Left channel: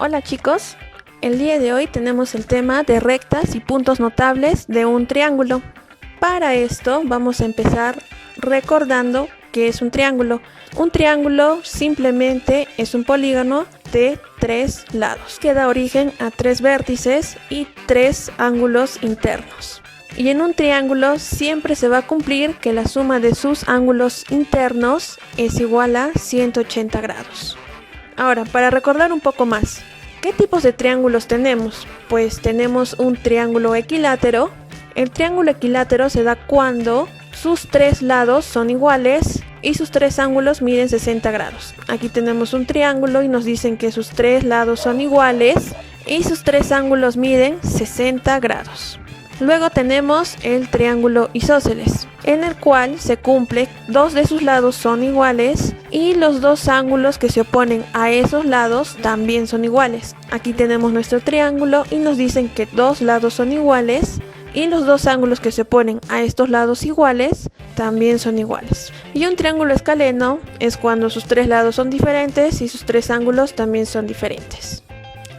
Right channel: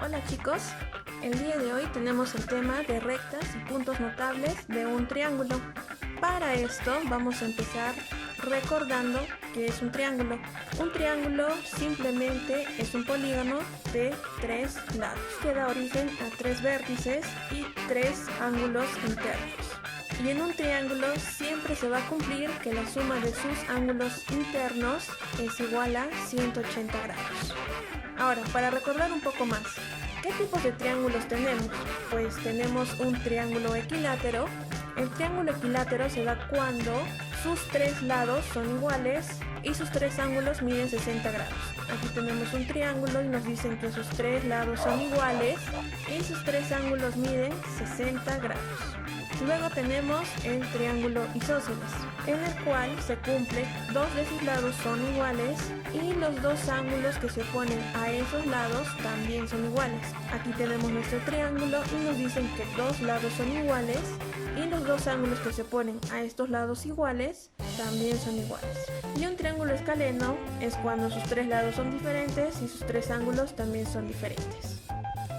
Hola chicos, el día de hoy tenemos el tema de rectas y puntos notables de un triángulo. Para esto vamos a empezar recordando qué es un triángulo. Un triángulo simplemente es un polígono de 3 lados que da origen a 3 vértices y 3 ángulos internos. Y en un triángulo siempre se va a cumplir que la suma de sus ángulos internos es igual a 180 grados. Ahora, para recordar un poco más, ¿qué tipos de triángulos tenemos? Pues tenemos un triángulo equilátero. El triángulo equilátero se da cuando sus 3 lados son iguales y sus 3 ángulos miden 60 grados. Aquí tenemos un triángulo y nos dicen que sus 3 lados son iguales y sus 3 ángulos miden 60 grados. Luego tenemos el triángulo isósceles, en el cual se cumple 2 de sus lados son iguales y los 2 ángulos que se oponen a esos lados también son iguales. Aquí tenemos nuestro triángulo y nos dicen que 2 lados son iguales y los 2 ángulos que se oponen a estos lados iguales también son iguales. Y un triángulo escaleno es cuando sus 3 lados son diferentes y sus 3 ángulos también son diferentes.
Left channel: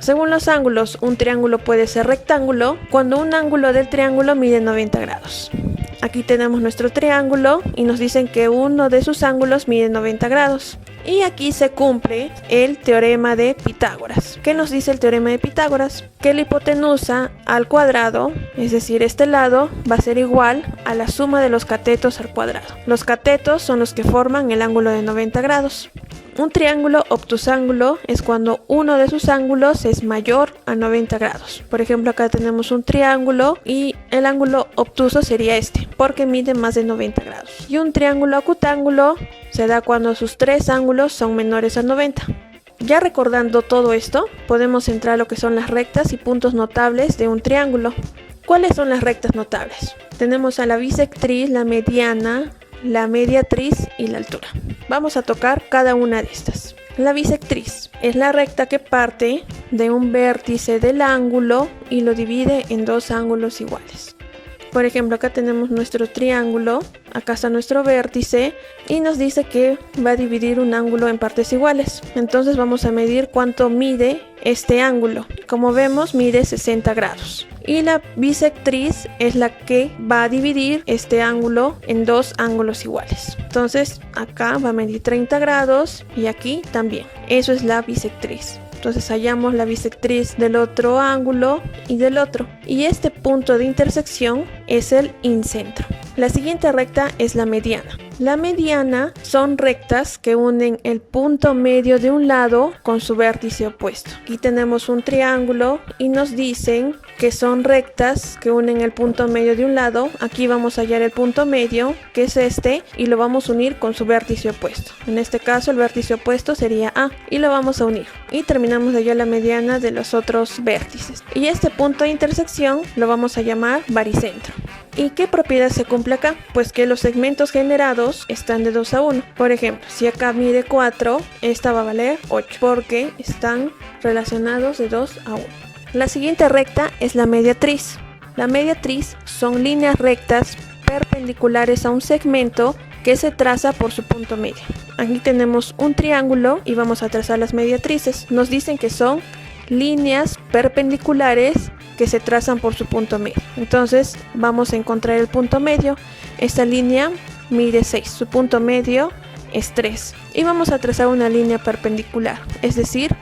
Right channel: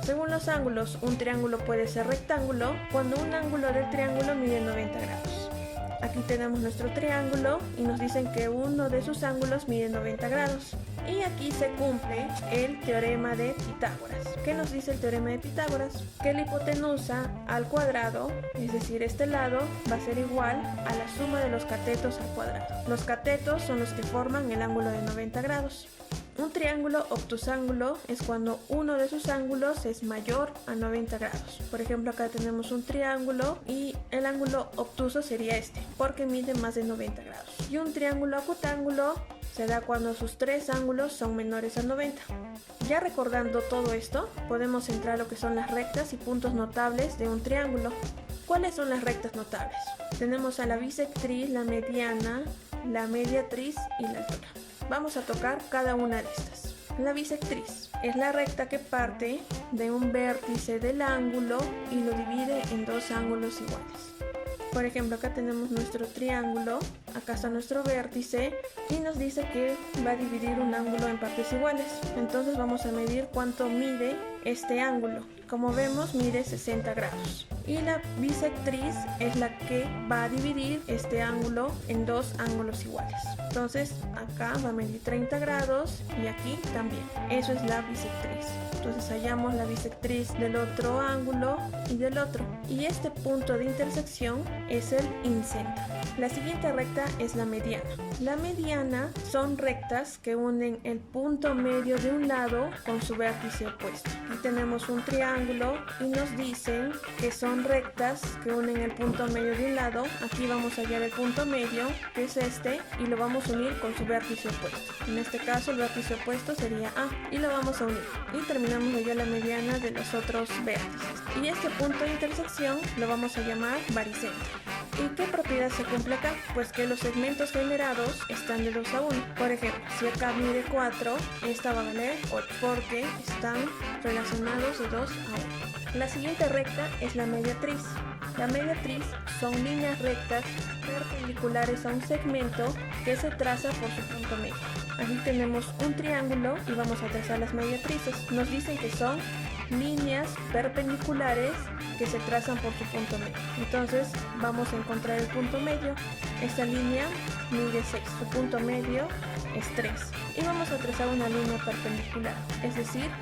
Según los ángulos, un triángulo puede ser rectángulo cuando un ángulo del triángulo mide 90 grados. Aquí tenemos nuestro triángulo y nos dicen que uno de sus ángulos mide 90 grados. Y aquí se cumple el teorema de Pitágoras. ¿Qué nos dice el teorema de Pitágoras? Que la hipotenusa al cuadrado, es decir, este lado, va a ser igual a la suma de los catetos al cuadrado. Los catetos son los que forman el ángulo de 90 grados. Un triángulo obtusángulo es cuando uno de sus ángulos es mayor a 90 grados. Por ejemplo, acá tenemos un triángulo y el ángulo obtuso sería este, porque mide más de 90 grados. Y un triángulo acutángulo se da cuando sus 3 ángulos son menores a 90. Ya recordando todo esto, podemos entrar a lo que son las rectas y puntos notables de un triángulo. ¿Cuáles son las rectas notables? Tenemos a la bisectriz, la mediana, la mediatriz y la altura. Vamos a tocar cada una de estas. La bisectriz es la recta que parte de un vértice del ángulo y lo divide en 2 ángulos iguales. Por ejemplo, acá tenemos nuestro triángulo, acá está nuestro vértice y nos dice que va a dividir un ángulo en partes iguales. Entonces vamos a medir cuánto mide este ángulo. Como vemos, mide 60 grados. Y la bisectriz es la que va a dividir este ángulo en 2 ángulos iguales. Entonces acá va a medir 30 grados y aquí también. Eso es la bisectriz. Entonces hallamos la bisectriz del otro ángulo y del otro. Y este punto de intersección es el incentro. La siguiente recta es la mediana. La mediana son rectas que unen el punto medio de un lado con su vértice opuesto. Aquí tenemos un triángulo y nos dicen que son rectas que unen el punto medio de un lado. Aquí vamos a hallar el punto medio, que es este, y lo vamos a unir con su vértice opuesto. En este caso el vértice opuesto sería A y lo vamos a unir. Y terminamos de hallar la mediana de los otros vértices. Y este punto de intersección lo vamos a llamar baricentro. ¿Y qué propiedad se cumple acá? Pues que los segmentos generados están de 2 a 1. Por ejemplo, si acá mide 4, esta va a valer 8 porque están relacionados de 2 a 1. La siguiente recta es la mediatriz. La mediatriz son líneas rectas perpendiculares a un segmento que se traza por su punto medio. Aquí tenemos un triángulo y vamos a trazar las mediatrices. Nos dicen que son líneas perpendiculares que se trazan por su punto medio. Entonces vamos a encontrar el punto medio. Esta línea mide 6, su punto medio es 3 y vamos a trazar una línea perpendicular, es decir,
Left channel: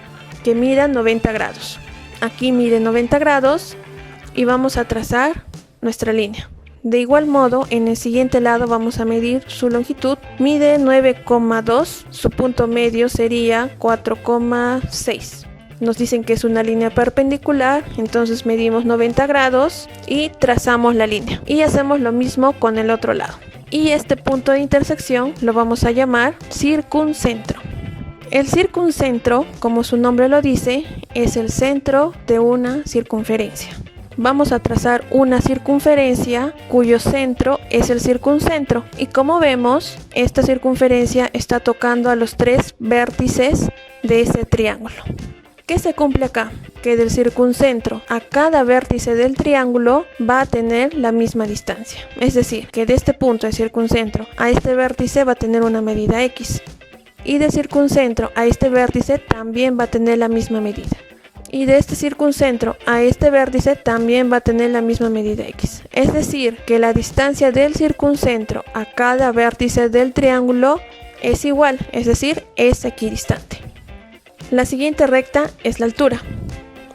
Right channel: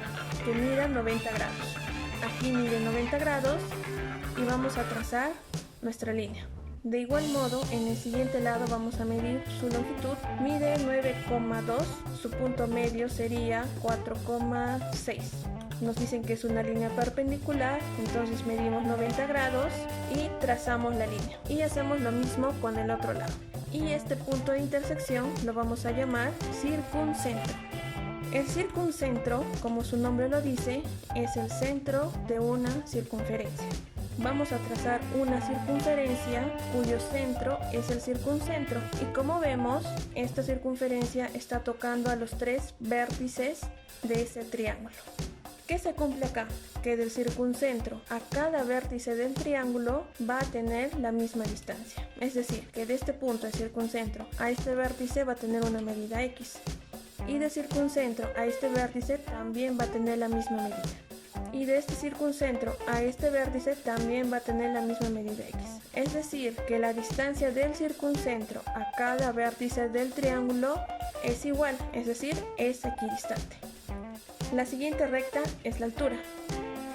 que mida 90 grados. Aquí mide 90 grados y vamos a trazar nuestra línea. De igual modo, en el siguiente lado vamos a medir su longitud, mide 9,2, su punto medio sería 4,6. Nos dicen que es una línea perpendicular, entonces medimos 90 grados y trazamos la línea. Y hacemos lo mismo con el otro lado. Y este punto de intersección lo vamos a llamar circuncentro. El circuncentro, como su nombre lo dice, es el centro de una circunferencia. Vamos a trazar una circunferencia cuyo centro es el circuncentro. Y como vemos, esta circunferencia está tocando a los 3 vértices de ese triángulo. ¿Qué se cumple acá? Que del circuncentro a cada vértice del triángulo va a tener la misma distancia. Es decir, que de este punto de circuncentro a este vértice va a tener una medida X. Y de circuncentro a este vértice también va a tener la misma medida. Y de este circuncentro a este vértice también va a tener la misma medida x. Es decir, que la distancia del circuncentro a cada vértice del triángulo es igual, es decir, es equidistante. La siguiente recta es la altura.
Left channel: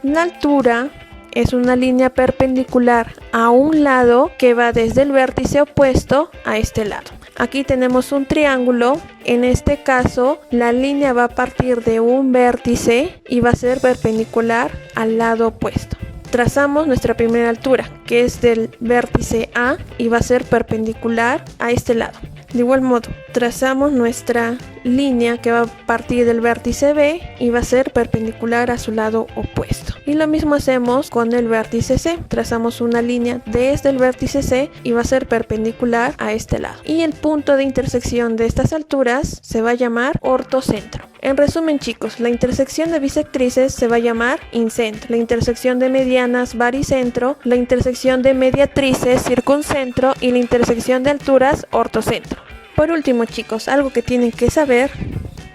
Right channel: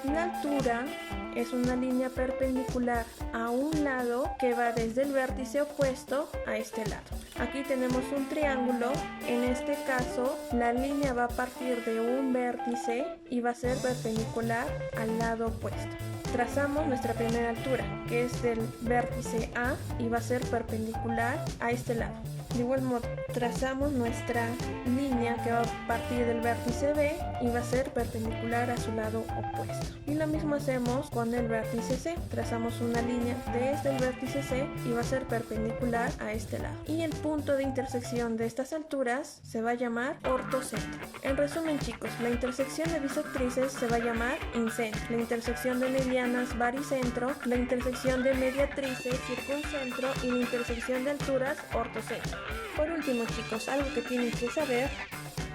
La altura es una línea perpendicular a un lado que va desde el vértice opuesto a este lado. Aquí tenemos un triángulo, en este caso la línea va a partir de un vértice y va a ser perpendicular al lado opuesto. Trazamos nuestra primera altura, que es del vértice A y va a ser perpendicular a este lado. De igual modo, trazamos nuestra línea que va a partir del vértice B y va a ser perpendicular a su lado opuesto. Y lo mismo hacemos con el vértice C. Trazamos una línea desde el vértice C y va a ser perpendicular a este lado. Y el punto de intersección de estas alturas se va a llamar ortocentro. En resumen, chicos, la intersección de bisectrices se va a llamar incentro, la intersección de medianas baricentro, la intersección de mediatrices circuncentro y la intersección de alturas ortocentro. Por último, chicos, algo que tienen que saber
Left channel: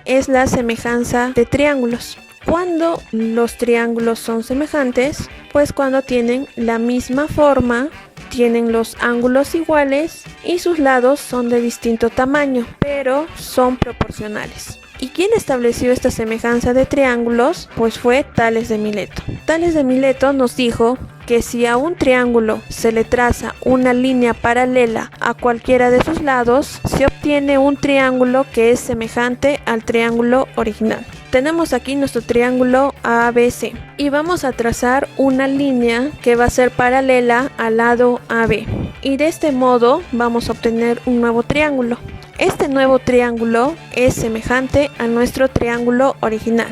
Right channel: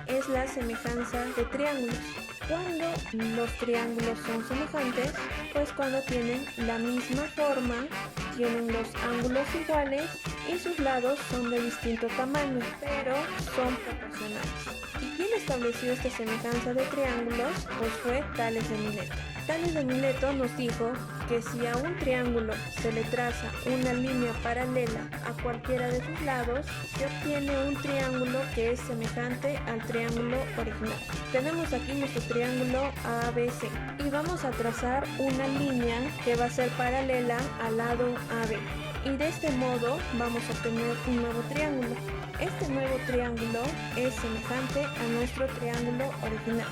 es la semejanza de triángulos. ¿Cuándo los triángulos son semejantes? Pues cuando tienen la misma forma, tienen los ángulos iguales y sus lados son de distinto tamaño, pero son proporcionales. ¿Y quién estableció esta semejanza de triángulos? Pues fue Tales de Mileto. Tales de Mileto nos dijo que si a un triángulo se le traza una línea paralela a cualquiera de sus lados, se obtiene un triángulo que es semejante al triángulo original. Tenemos aquí nuestro triángulo ABC y vamos a trazar una línea que va a ser paralela al lado AB. Y de este modo vamos a obtener un nuevo triángulo. Este nuevo triángulo es semejante a nuestro triángulo original.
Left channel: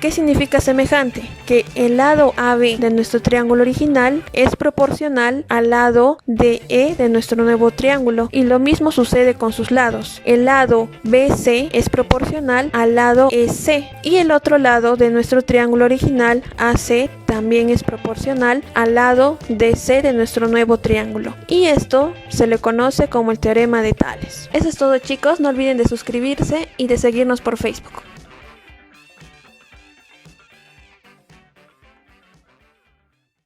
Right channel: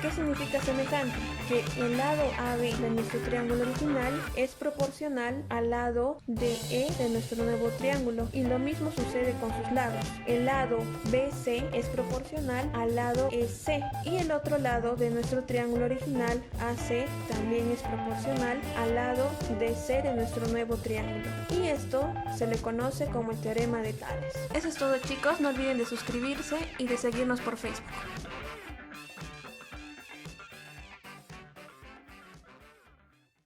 ¿Qué significa semejante? Que el lado AB de nuestro triángulo original es proporcional al lado DE de nuestro nuevo triángulo, y lo mismo sucede con sus lados. El lado BC es proporcional al lado EC y el otro lado de nuestro triángulo original AC también es proporcional al lado DC de nuestro nuevo triángulo. Y esto se le conoce como el teorema de Tales. Eso es todo, chicos, no olviden de suscribirse y de seguirnos por Facebook.